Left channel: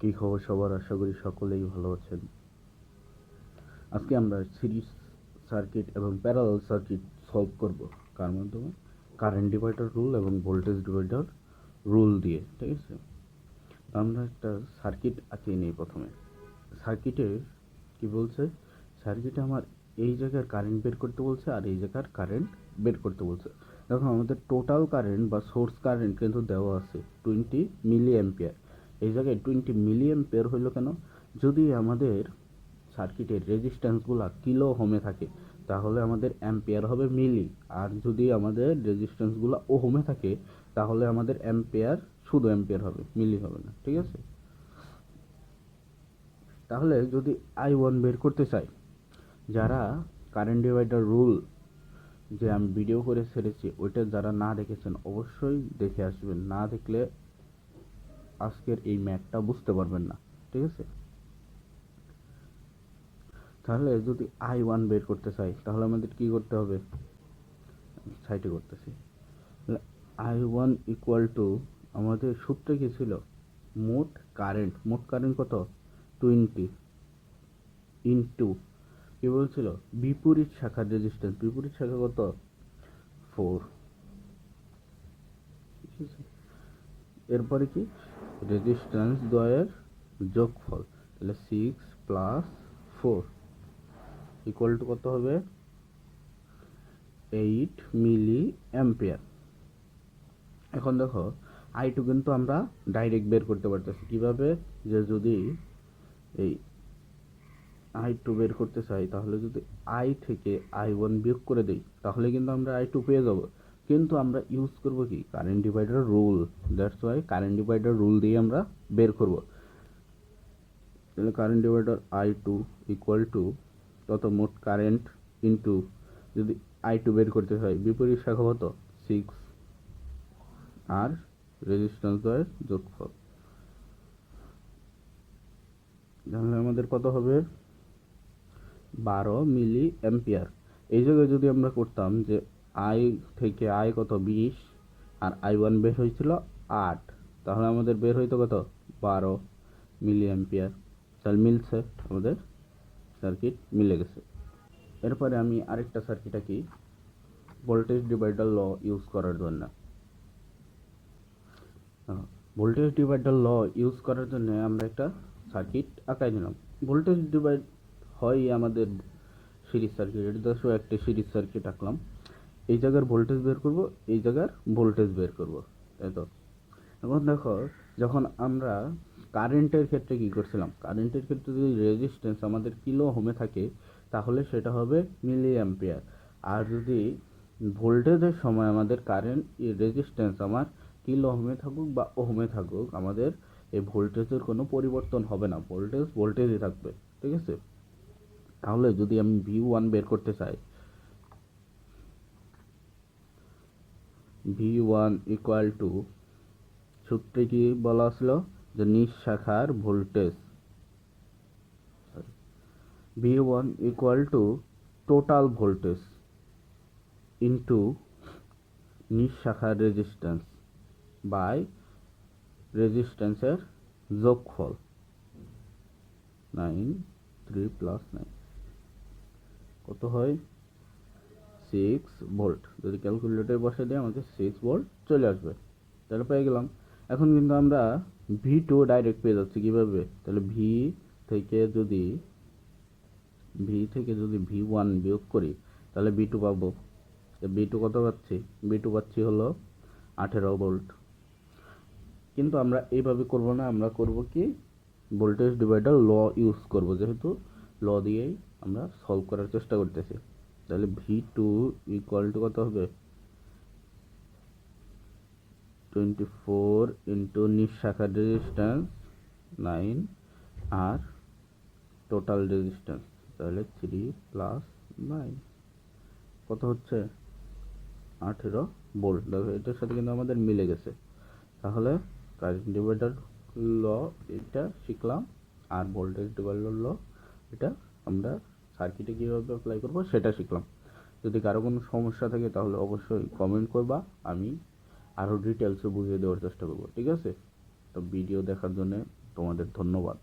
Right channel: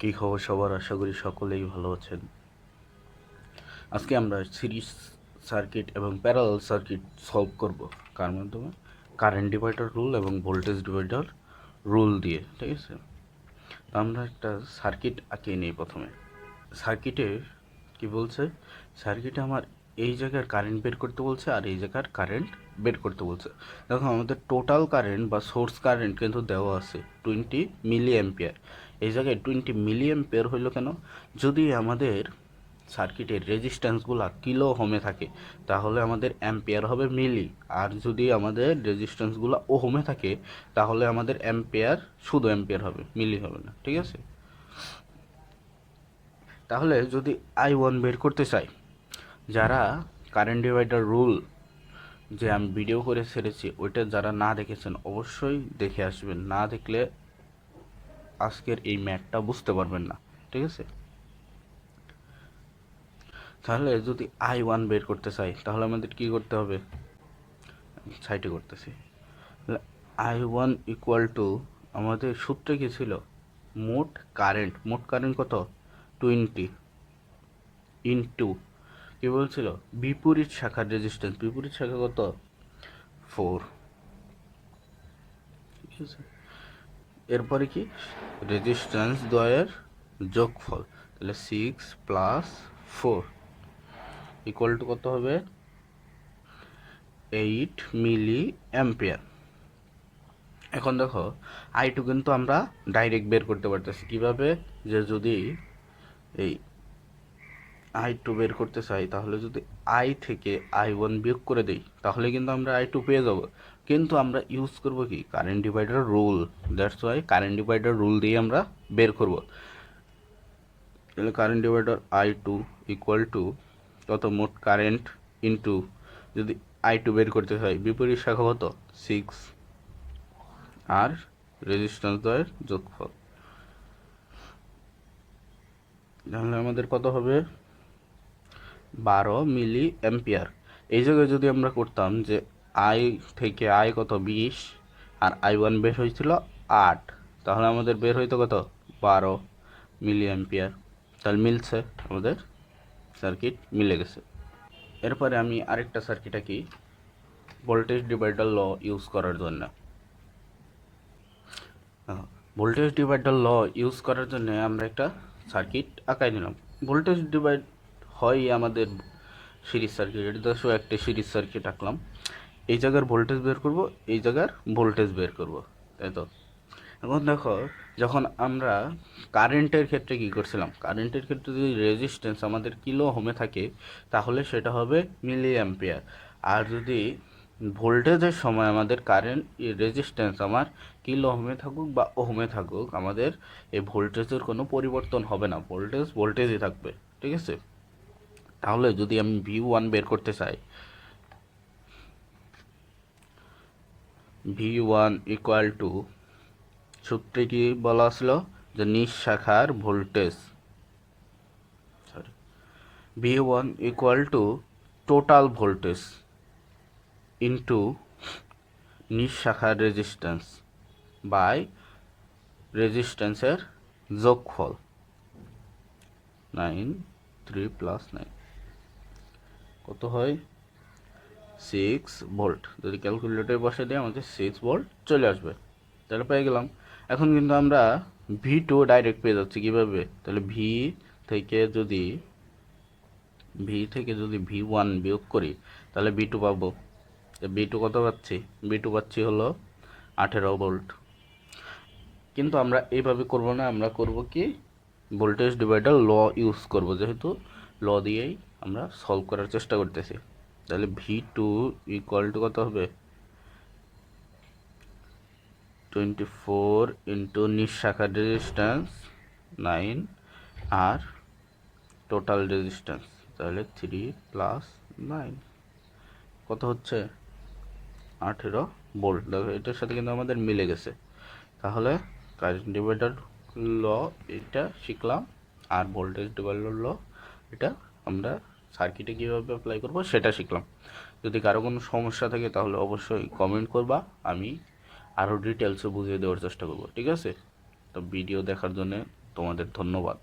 কী খবর সবার? আশা করি সকলেই ভালো আছেন। আজকে আমরা সিরিজ সার্কিট এবং প্যারালাল সার্কিট সলভ করব কার মাধ্যমে? কারেন্ট ডিভাইডার রুল এবং ভোল্টেজ ডিভাইডার রুল দিয়ে, ঠিক আছে? তো আমরা একটা সার্কিট আঁকিয়ে নিই প্রথমে। সার্কিটে কি বলছে? সার্কিটে আমার এই জায়গার কারেন্ট বের করতে বলছে আর এই জায়গার কারেন্ট বের করতে বলছে। দেখো আমাদের টোটাল কারেন্ট বা সোর্স কারেন্ট কিন্তু দেওয়া আছে 20 মিলি অ্যাম্পিয়ার। এই জায়গায় 20 মিলি অ্যাম্পিয়ার হইল কেন? যদি আমাদের সার্কিটের রেজিস্ট্যান্সগুলো কিলো হোমে থাকে তাহলে আমাদের অ্যাম্পিয়ার হবে মিলি, আর যদি আমাদের রেজিস্ট্যান্সগুলো ওহমে থাকে তাহলে আমাদের অ্যাম্পিয়ার শুধু অ্যাম্পিয়ার হবে, মিলি হবে না, ঠিক আছে? তাহলে যদি I1 বের করতে চাই, যারা কারেন্ট ডিভাইডার রুল যে আমি ভিডিও করে ছেড়েছি ওইটা যারা না দেখেছেন অবশ্যই দেখে আসবেন, না দেখলে আজকের এই ম্যাথটা বুঝতে পারবেন না, ঠিক আছে? তাহলে যদি I1 বের করতে চাই তাহলে আমাদের কি করতে হবে? সাইডে করতেছি। I1 ইকুয়াল টু আমাদের সূত্রে কি ছিল? মোট কারেন্ট কত? 20 ইনটু কি বলছিল? বিপরীত শাখার রেজিস্ট্যান্স, বিপরীত শাখা কত? 4, ঠিক আছে? এরপরে কি? রেজিস্ট্যান্স দ্বয়ের যোগফল, তাহলে 6 প্লাস 4 ইকুয়াল টু কত হবে? 8 মিলি অ্যাম্পিয়ার। এখন দেখো I2 কিন্তু আমরা ডাইরেক্ট বের করতে পারতেছি কিভাবে? যে যদি এই I2 বের করতে চাই তাহলে যদি I থেকে I1 বিয়োগ করে দেই তাহলে কিন্তু আমরা I2 পেয়ে যাব, কিন্তু আমরা ইউজ করব কি? Current divider rule. That's why current divider rule দিয়ে আমরা বের করব। তাহলে current divider I2 equal to কত? মোট কারেন্ট ইনটু যদি I2 বের করতে চাই বিপরীত শাখা কত? 6 আর রেজিস্ট্যান্স দ্বয়ের যোগফল, তাহলে আমাদের কত হবে? 12 মিলি অ্যাম্পিয়ার। এই জায়গায় যদি আমরা করতাম যে I থেকে I কত? 20 আর I1 বের হয়েছিল 8, তাহলে আমাদের বের হইতো কত? 12 মিলি অ্যাম্পিয়ার। তাহলে মিলছে, আমাদের সার্কিট মিলে গেছে। এরপরে আমি আরেকটা সার্কিট আঁকি ভোল্টেজ ডিভাইডার ল ইউজ করার জন্য। ভোল্টেজ ডিভাইডার ল ইউজ করার জন্য আমরা একটা সার্কিট আঁকাই নিলাম। ভোল্টেজ ডিভাইড হয় আমাদের সিরিজ সার্কিট, এটা তো একটা সিরিজ সার্কিট আঁকলাম। এই জায়গার ভোল্টেজ বের করব, এই জায়গার ভোল্টেজ বের করব, তাই তো? এখন দেখো যখন আমরা কারেন্টের ক্ষেত্রে কি করছিলাম? কারেন্টের ক্ষেত্রে যদি রেজিস্ট্যান্স আমাদের কিলো হোমে থাকে তাহলে সেটা হবে মিলি অ্যাম্পিয়ার, আর যদি ভোল্টেজের সময় আমাদের কারেন্ট রেজিস্ট্যান্স আমার কিলো হোমে থাকুক বা ওহমে থাকুক, আমাদের এই ভোল্টেজের কোনো পরিবর্তন হবে না, ভোল্টেজই থাকবে, ঠিক আছে? তাহলে যদি আমি V1 বের করতে চাই, V1 ইকুয়াল টু সূত্রে কি বলা ছিল? যে নিজ শাখার voltage, V1 equal to total voltage into নিজ শাখার রেজিস্ট্যান্স বাই রেজিস্ট্যান্সের যোগফল। 9 3 প্লাস 9 কত হয়? 6 ভোল্ট। যদি ক্যালকুলেটরে বসে দিই আমাদের 6 ভোল্ট চলে আসবে, তাহলে পেয়ে গেলাম। এখন কিন্তু আমরা V2 ডাইরেক্ট পেয়ে যাচ্ছি কিভাবে? তাহলে থেকে যদি V1 বিয়োগ করি তাহলে V2 পাবো। V2 কত পাচ্ছি? V2 পাচ্ছি হলো 18 ভোল্ট। কিন্তু আমরা এইভাবে করব না, আমরা করব কি? ভোল্টেজ ডিভাইডার ল ইউজ করব, যেহেতু ল দিয়েই আমরা সলভ করার চেষ্টা করতেছি। তাহলে V2 ইকুয়াল টু কত হবে? 24 ইন্টু নিজ শাখার রেজিস্ট্যান্স 9 আর টোটাল রেজিস্ট্যান্স, তাহলে 3 প্লাস 9 কত হচ্ছে? 18 ভোল্ট। দেখো এটার সাথে কিন্তু আমাদের মিলে গেছে। তাহলে কারেন্ট ডিভাইডার ল এটা শিখলাম, আর ভোল্টেজ ডিভাইডার ল এটা আমরা সার্কিটে কীভাবে অ্যাপ্লাই করব সেটা শিখলাম। যদি কারো কোনো সমস্যা থাকে তাহলে অবশ্যই কমেন্ট করবা, আমি আরও ডিটেলসে বুঝিয়ে দেওয়ার চেষ্টা করব, ঠিক আছে? তো ভিডিও দেখার জন্য তোমাদের ধন্যবাদ।